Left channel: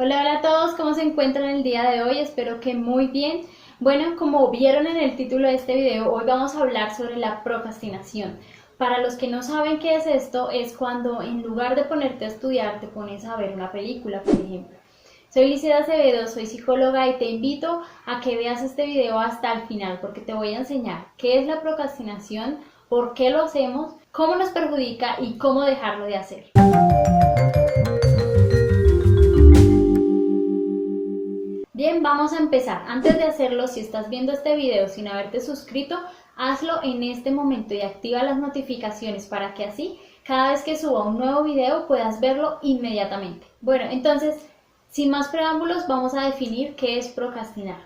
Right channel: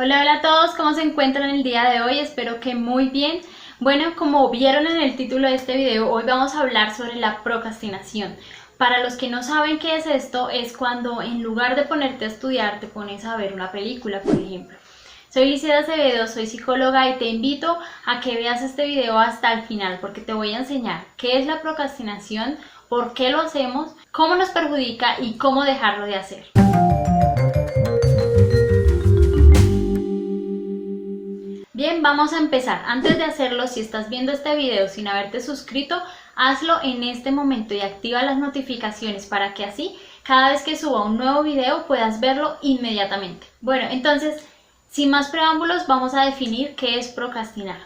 Hola, hola a todos, ¿cómo se encuentran el día de hoy? Espero que muy bien. Bueno, como vieron en el título de este video, hoy vamos a hablar sobre la procrastinación. Para los que no saben qué es esto, es cuando en lugar de ponerte a estudiar, te pones a ver una película, por ejemplo. Soy Liceda Acevedo, soy psicóloga y te invito a que veas este video hasta el final porque te voy a enseñar qué es la procrastinación, por qué lo hacemos, cómo nos perjudica y cómo dejarlo de hacer. Bien, vamos a empezar. Antes de hacerlo, si estás viendo este video sin haberte suscrito, hazlo en este momento y activa las notificaciones para que así, cada vez que suba un nuevo video, puedas verlo inmediatamente. Bueno, entonces, sin más preámbulos, vamos a definir qué es procrastinar.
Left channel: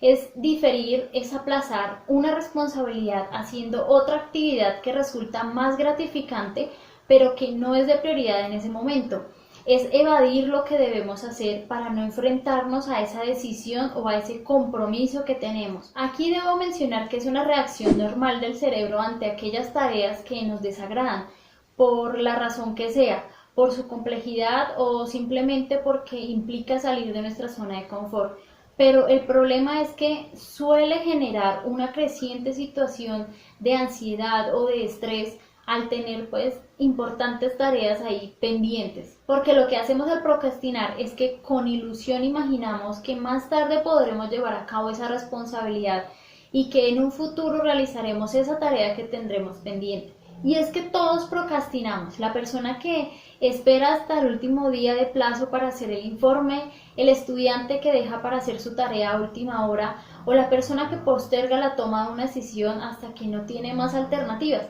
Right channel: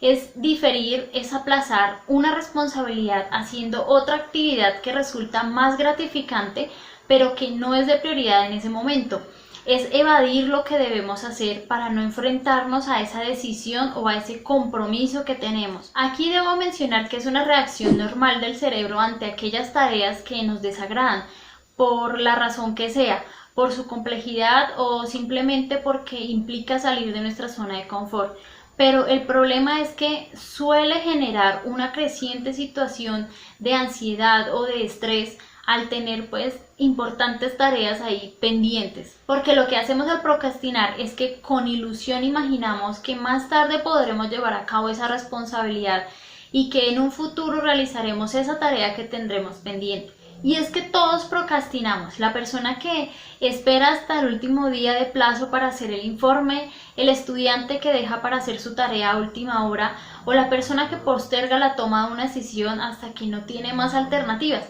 Es diferir, es aplazar una responsabilidad haciendo otra actividad que resulta más gratificante, pero que no es de prioridad en ese momento. Es evadir lo que debemos hacer para no enfrentarnos a esa decisión o a ese compromiso que tenemos. Aquí debo mencionar que es una reacción normal del cerebro ante aquellas tareas que nos desagradan, por la razón que sea, por su complejidad o simplemente porque implica salir de nuestra zona de confort. Pero el problema es que suele generar una creciente situación de ansiedad o de estrés al tener pues importantes tareas ahí pendientes. Porque lo que hacemos al procrastinar es que con ilusión imaginamos que más tarde podremos llevar a cabo esa responsabilidad y que en un futuro realizaremos esa tarea que tendremos pendiente. Y es que todos procrastinamos. La persona que espera hasta el último día de plazo para hacer el informe, el estudiante que deja para hacer su tarea a última hora o la persona que posterga la toma de una decisión hasta que no tiene más alternativas.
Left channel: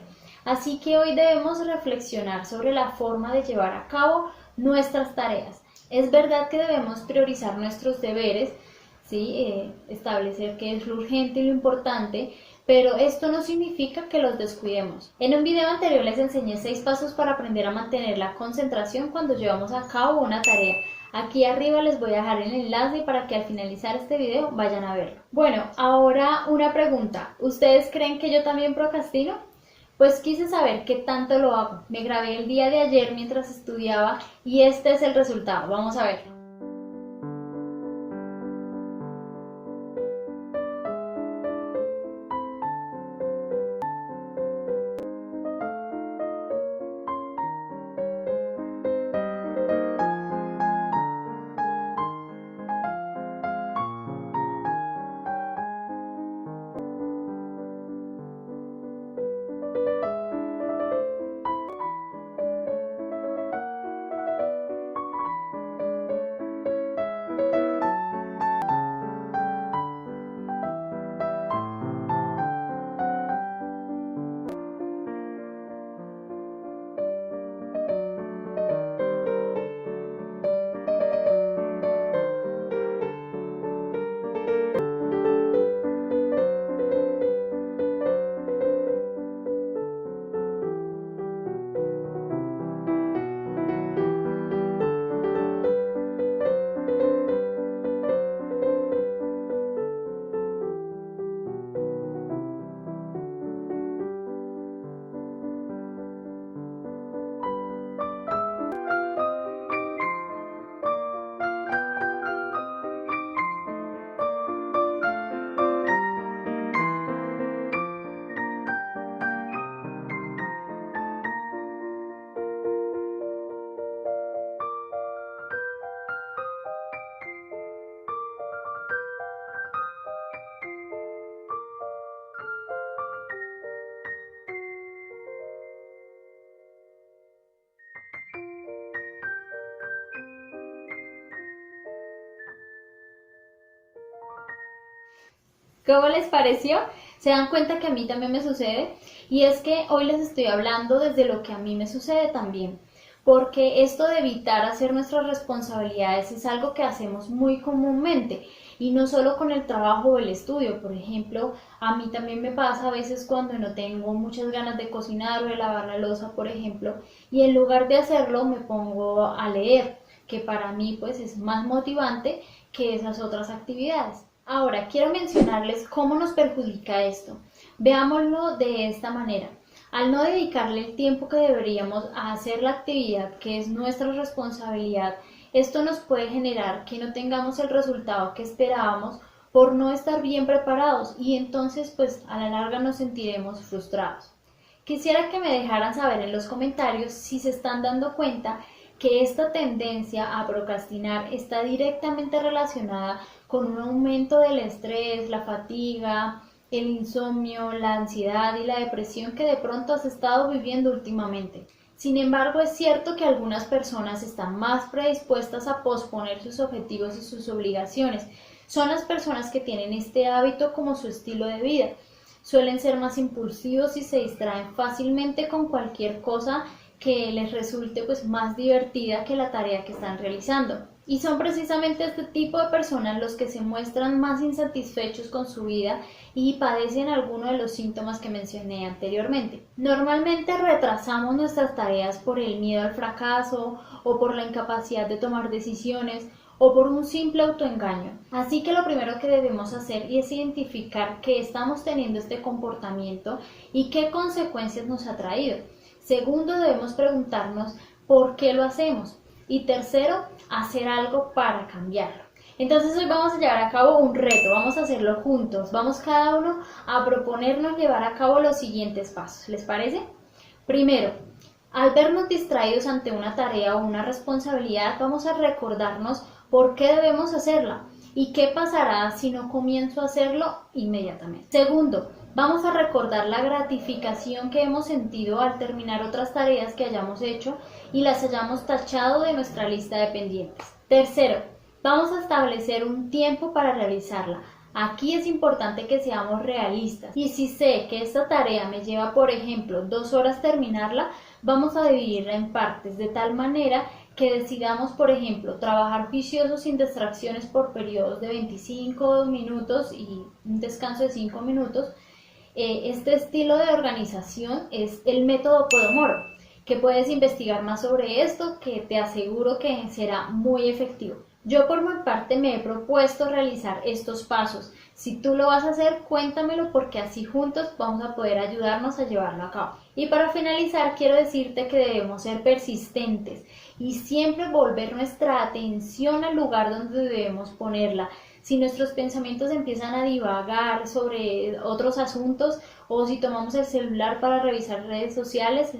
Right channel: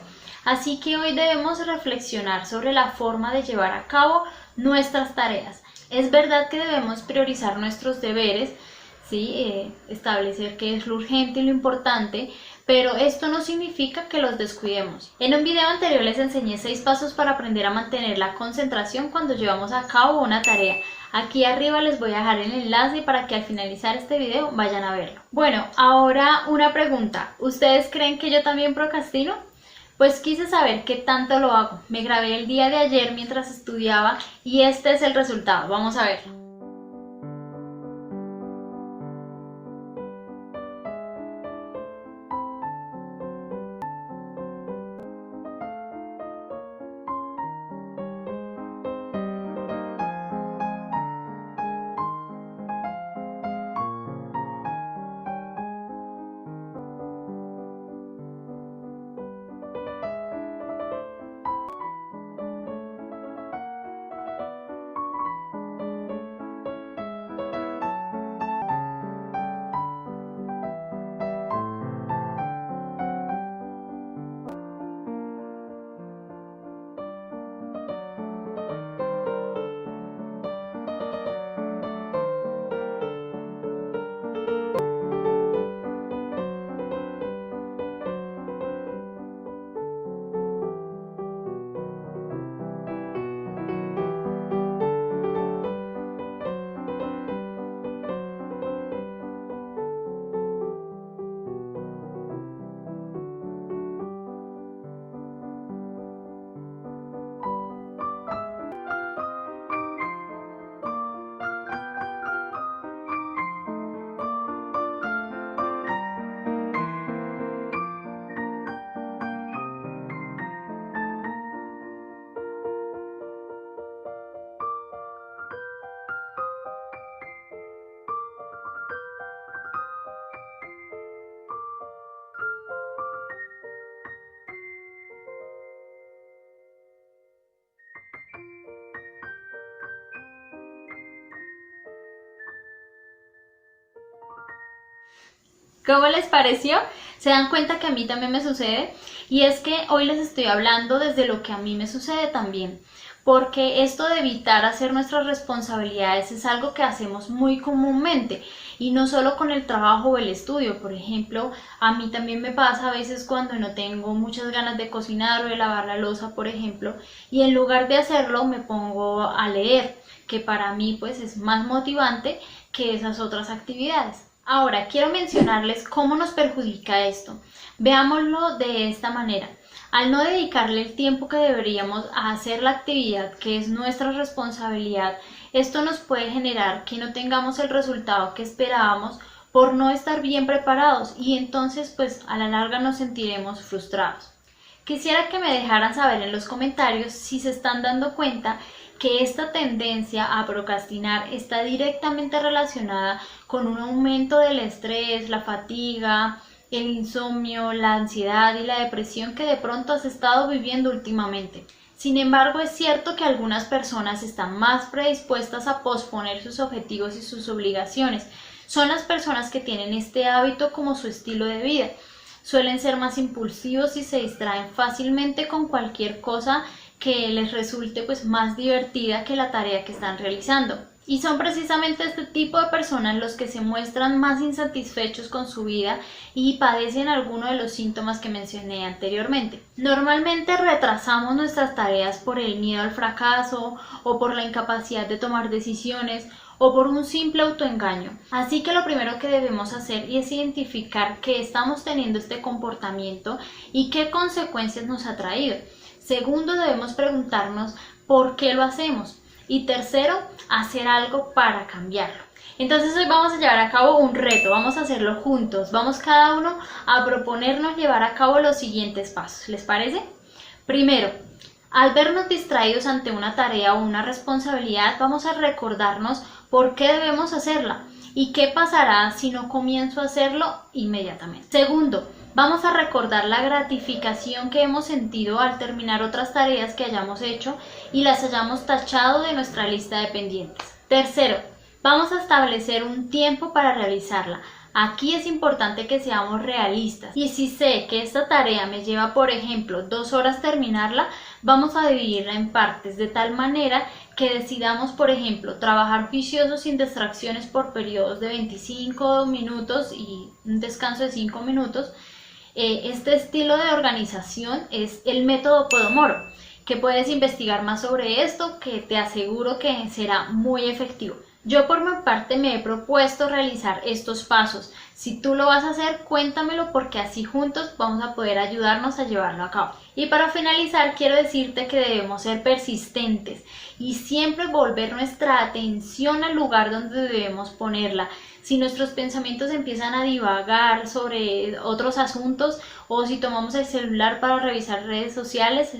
Así que hoy debemos reflexionar sobre la forma de llevar a cabo nuestras tareas. Es verdad que debemos priorizar nuestros deberes, ¿sí? Establecer qué es lo urgente y lo importante, pero esto no significa que los descuidemos. En un video anterior les enseñé 6 pasos para aprender a mantener la concentración cuando llevamos a cabo una tarea. Aquí arriba les voy a dejar el enlace para que al finalizar este video vayan a verlo. Bueno, ahora una pregunta. ¿Ustedes creen que yo también procrastino? Pues quise saber qué tanto lo hago. Me grabé el día de ayer mientras estudiaba y este es el resultado. Vamos a ver. ¿Cómo les pareció? ¿Se dan cuenta que a mí también me sucede? Y es que hoy les estoy hablando desde lo que a mí me sucede también, porque esto de evitar hacer nuestras responsabilidades es algo que hacemos muy comúnmente y no solo con el trabajo o el estudio. Por ejemplo, a mí también me pasa a veces cuando no tengo muchas ganas de cocinar o de lavar la loza, por ejemplo, y en lugar de hacerlo me pongo a leer, que para mí pues es más motivante que esas otras actividades. Ahora, quiero mencionarles cómo nos perjudica esto. Veámoslo de esta manera. Al no dedicarle el tiempo que deberíamos a hacer la actividad que es nuestra responsabilidad, Esto nos puede generar que no tengamos el resultado que esperábamos por no estar bien preparados y entonces pues a la larga nos sentiremos frustrados. Quisiera que me dejaran saber en los comentarios si se están dando cuenta que esta tendencia a procrastinar está directamente relacionada con un aumento del estrés, la fatiga, el insomnio, la ansiedad y la depresión que de pronto has estado viviendo últimamente. Sin embargo, es cierto que algunas personas están más predispuestas a posponer sus objetivos y sus obligaciones. Son las personas que tienen este hábito como su estilo de vida. Suelen ser más impulsivos y se distraen fácilmente con cualquier cosa que les resulte pues más divertida que la tarea que están realizando. Y son precisamente este tipo de personas los que se muestran más insatisfechos con su vida y padecen alguno de los síntomas que mencioné anteriormente. Normalmente retrasamos nuestras tareas por el miedo al fracaso o por la incapacidad de tomar decisiones o por un simple autoengaño. Así que lo primero que debemos hacer es identificar que estamos teniendo este comportamiento y qué consecuencias nos ha traído. Segundo, debemos preguntarnos por qué lo hacemos. Y tercero, hacer algo para cambiarlo. Entonces hoy vamos a llevar a cabo un reto, vamos a hacerlo juntos. Vamos cada uno a proponernos llevar a cabo los siguientes pasos. ¿Les parece? Primero, al vernos distraídos ante una tarea o una responsabilidad, vamos a recordarnos por qué debemos hacerla y qué pasará si no comienzo a hacerlo inmediatamente. Segundo, vamos a recordar la gratificación que hemos sentido al terminar otras tareas que hayamos hecho y las hayamos tachado de nuestra lista de pendientes. Tercero, vamos a establecer un tiempo para realizarla. Aquí es importante que seamos realistas y si sé que esta tarea me lleva, por ejemplo, 2 horas terminarla, vamos a dividirla en partes de tal manera que decidamos, por ejemplo, trabajar juiciosos sin distracciones por periodos de 25 minutos y un descanso de 5 minutos. Este estilo de organización es el método Pomodoro, que puedes investigar más sobre esto, que te aseguro que será muy efectivo. Yo por mi parte me he propuesto realizar estos pasos. Si tú lo vas a hacer, cuéntamelo porque así juntos vamos a poder ayudarnos a llevarlo a cabo. Y para finalizar, quiero decirte que debemos ser persistentes y siempre volver nuestra atención al lugar donde debemos ponerla. Si nuestros pensamientos empiezan a divagar sobre otros asuntos o si tomamos el celular para revisar redes sociales,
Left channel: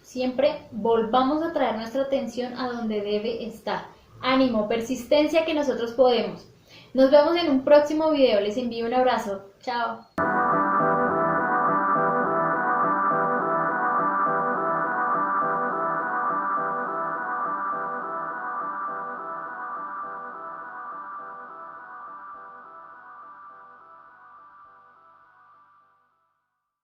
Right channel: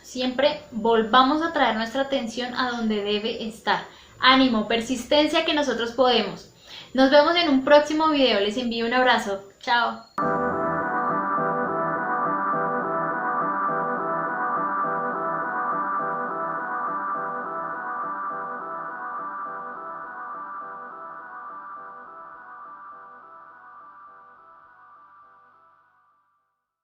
siempre volvamos a traer nuestra atención a donde debe estar. Ánimo, persistencia que nosotros podemos. Nos vemos en un próximo video, les envío un abrazo. Chao.